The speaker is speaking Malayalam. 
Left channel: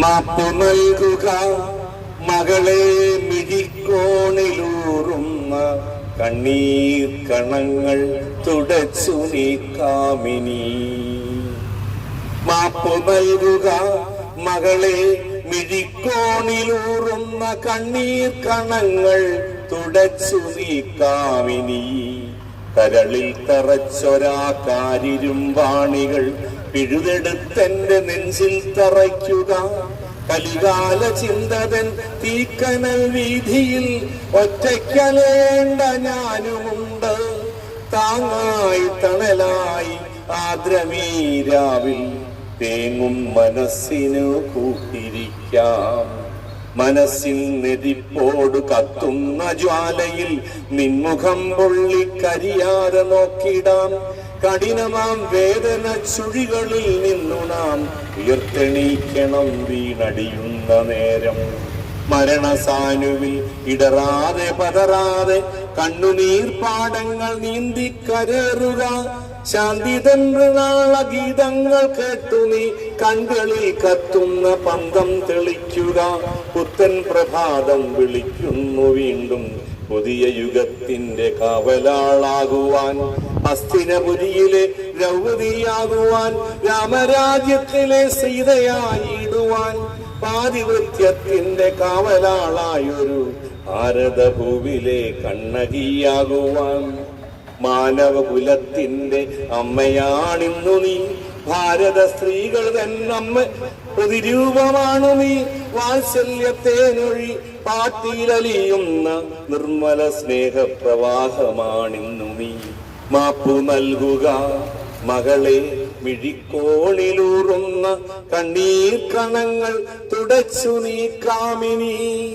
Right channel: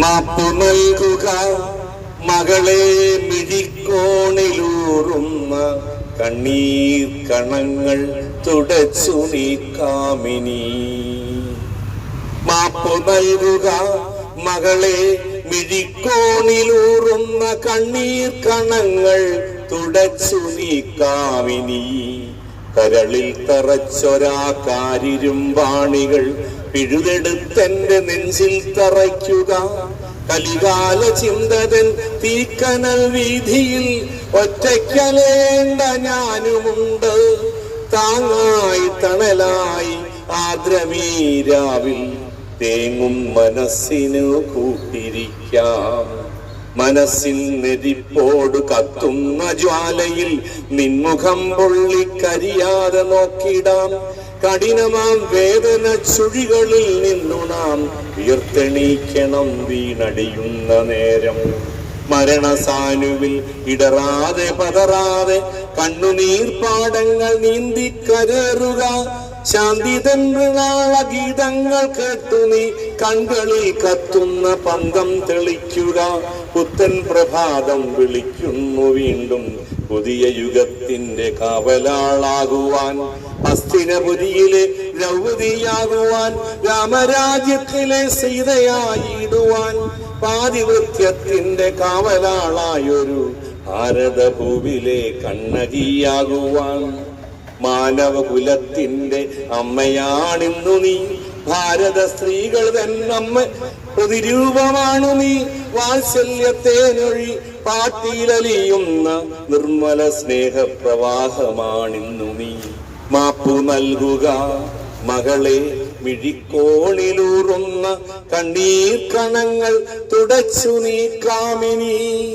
മാപ്പു നൽകുക മകളെ മിഴിക്കോണിലൂറുന്ന കണ്ണീർ കണങ്ങൾ തുടച്ചു നീക്കാമിനി മാപ്പ് നൽകുക മകളെ മിഴിക്കോണിലൂറുന്ന കണ്ണീർ കണങ്ങൾ തുടച്ചു നീക്കാമിനി കരളിൽ തറച്ചൊരാ വാണികൾ പിഴുതെടുത്തെന്റെ നെഞ്ചിൽ തറയ്ക്കുക. കലികാല ചിന്തതൻ തീക്കനൽ വീതിയിൽ ഒറ്റയ്ക്കലേണ്ട ഞാനുമുണ്ട്. താങ്ങായി തണലായി ആദ്രമീരാവിൽ തേങ്ങും മനസ്സിനു കൂട്ടിരിക്കാം. മനസ്സിൽ നെരിപ്പോട് കത്തുന്ന ജ്വാലയിൽ നിൻമുഖം പൊള്ളിക്കരിയാതെ നോക്കിടാം. കഠിനമാം വേദന ചുഴികളിൽ നിന്നു നാം ഉയർത്തെണീക്കണം വീണടിയുന്ന നേരം. മരണസാനുവിൽ ഇടറാതെ പതറാതെ കണ്ണുനീർ പാടങ്ങൾ ശാന്തിതന്ത്രനാള ഗീതങ്ങൾ കേട്ടു നീ. കൺകളി കത്തുന്ന പന്തം തെളിക്കുക. പുത്തൻ പ്രഭാതം വിളിക്കുന്നു വീണ്ടും. പുതിയ യുഗത്തിന്റെ കാവലാളാകുവാൻ അസ്ഥിരപുരിയിലെ ദ്രൗപതിയാകുവാൻ രാമരാജ്യത്തിലെ സീതയായിടുവാൻ. പാതിവൃത്യത്തിന്റെ കാവലാളായൊരു ഭാരതഭൂവിലെ കണ്ണകിയാകുവാൻ. മാനവകുലത്തിന്റെ അമ്മയാണിന്നു നീ. ഭാരത സ്ത്രീകൾ തന്നമ്മ പ്രതിരൂപമാണു നീ. വാത്സല്യത്തേനൊഴി പാട്ടിയിലലിയുന്ന നിർമ്മല സ്നേഹപ്രവാഹമാണിന്നു നീ. മാപ്പു നൽകുക മകളെ മിഴിക്കോണിലൂറുന്ന കണ്ണീർ കണങ്ങൾ തുടച്ചു നീക്കാമിനി